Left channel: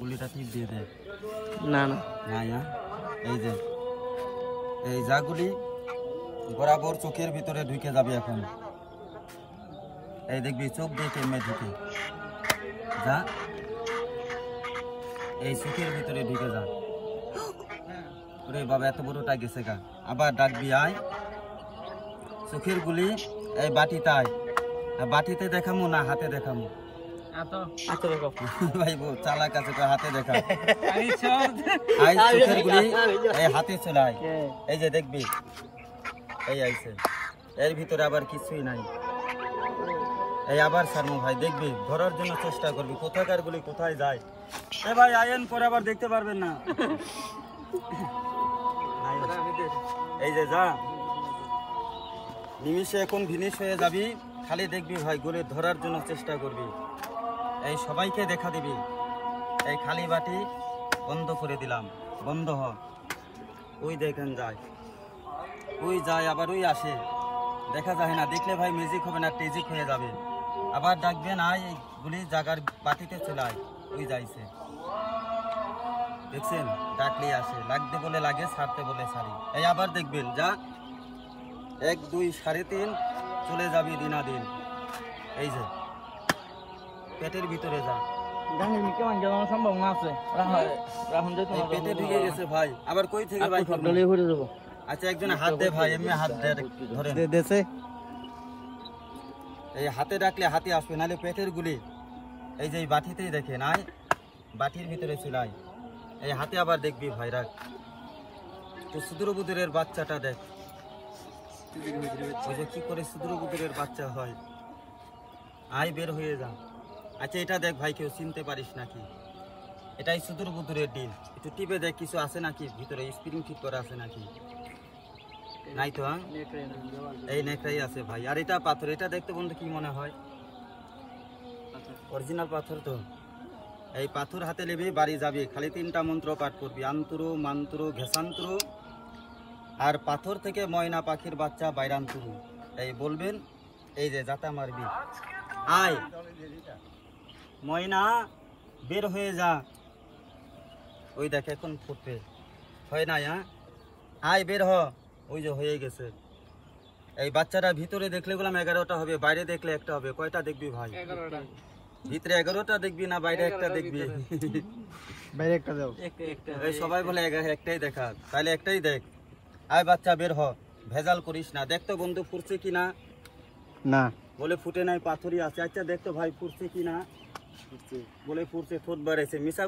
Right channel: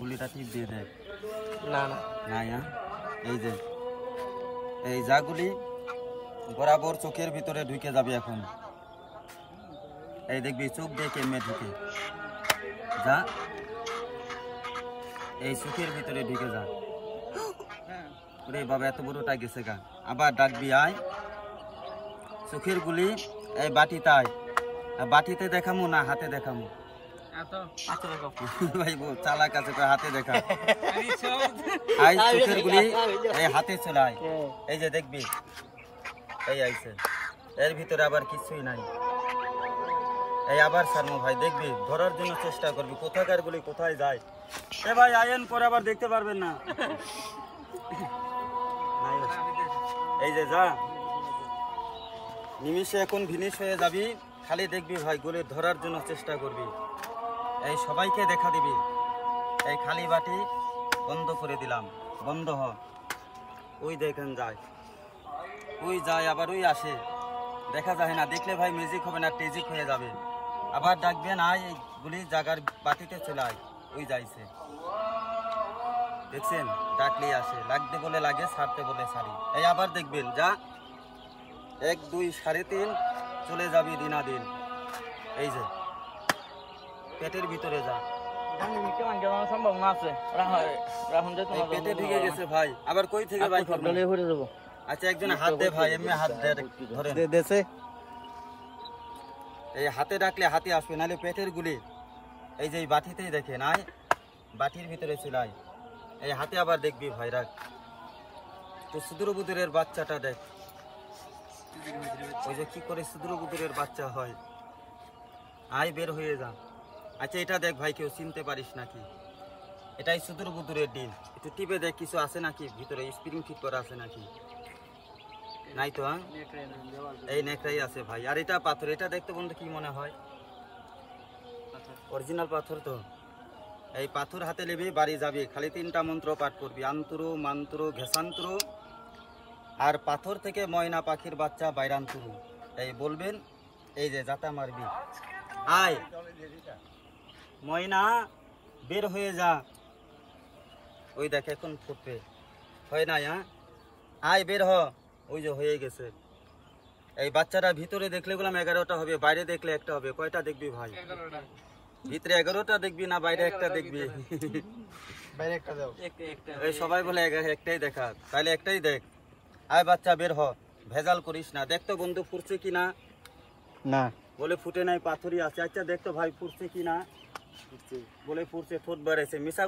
গুলিটা ঠিক দিয়ে দে। না না না এই যে এই যা গুলি বরাবর চোখের ভিতরে ঢুকে যাবে এখন। এই দেখবি চোখ দিয়ে কেমনে ঢুকে যা, এই চোখের ভিতরে ঢুকে যা। রে বাবা এত বড়টা গেছে গা। আবার ডাকবি আয়, চোখের গুলি এই বাটিতে আয়। বাটিতে দেখামো না হাতে দেখামো? ভাই বউ চালাক আছে, হাতে দেখা। আই চোখের গুলি এই হাতে চলে আয়। এই যে দেখবি এই আইছে, এর ভিতরে আবার কিছুই নাই। এই আবার সারমো ভাই, দেখবি ধরার জন্য চেষ্টা করবি কোথাকার গুলি কোথায় যায়। এ ভাই আয়ন করে আবার দেখতে পারবেন না। এই যে যা, নিমিষে এখন ফিনিশ হয়ে যাবি। খালি দেখবি ভাই গুলি ধরার জন্য চেষ্টা করবি। এই সবাইকে দেখা দিবি। এই খালি বাটি বন্ধ করে দিলাম, বন্ধ হ। ওই দেখেন যায়, ওই যায় আবার ওই আসে, দেখা যায় না। দেখলে ভাই মিউজিক হবে না, টেজিক হয়ে যাবে। আবার ডাকবেন আয়, এইগুলি জায়গার বাটিতে চলে আয়। ওই যাইছে, দেখছেন? ডাকলেই আসে, লাগতে বলে লাগে, ছাড়তে বলে ছাড়ি। এই আবার দেখবেন যা, 1 2 3.5 চলে যাবি দিনাদিন। এই যে পেটের ভিতরে যা, পেটে ঢুকে গেছে ভাই। আবার কই থেকে ভাই করবো? আচ্ছা একজন হাত দে ভাই, এমনি হাত ধরে দেছে। এই হাতে ডাকলে হাতে আসবে, নাহলে পেটের গুলি এই যে বাটিতেই দেখে নাই, বাটির ভিতরে চুলাই। এই হাতে আবার দেখবি ভাই, রাখ তো। সুদূরবুদুরের বাচ্চাটা দেখ, ওই যে কি করে সুদূরবুদুরের বাচ্চা হয়। আয় বের হয়ে যা। আচ্ছা এটা দেখ ভাই, কেউ চিনতে পারিস নাকি? এটাই সুদূরবুদুরের ডিম। একটু টিপে দেখ কিছু আছে নাকি ভিতরে, স্প্রিং ফিট করা আছে নাকি? নাই তো। হ্যাঁ এই নেকড়াই আছে ভাই। আর এটা পাথর, এটা দেখতে বন্ধু কি মনে হয়? অরিজিনাল পাথর তো। এই পাথর হাতে নেবে, বাড়ি যাবি, খালি 3টা মন্ত্র পাঠ করবি, আন্তরু মান্তরু ঘেসান্তরু। আর পাথর থেকে ময়না পাখির বাচ্চা বাইরান্তরু। এই বলবেন, এই যে যাতা মারবি, আয় ময়না বের হয়ে যা। ওই দেখ এখন ফুটবে, হয় না? হ্যাঁ আয় বের হ। ওই যে হয়ে গেছে। এই বাচ্চাটা ভিতরে দেখলে বললাম 11টা হবে, বাইরে দেখলে একটা হবে। কয়টা দেখবি ভাই? 11টা। ভিতরে 11টা দেখবি না বাইরে একটা দেখবি? এই সবাই বলে একটাই দেখা, তাহলে একটাই দেখ। আয় বাচ্চা বের হ, ভেজাল করিস না। দেখতো বন্ধু ফুটছে কিনা? না বলে ফুটে নাই, পাথরই আছে। আচ্ছা দেখতো ভাই ফুটছে কিনা? বলে ফুটছে, ঠোঁট বাড়াইছে, মিশা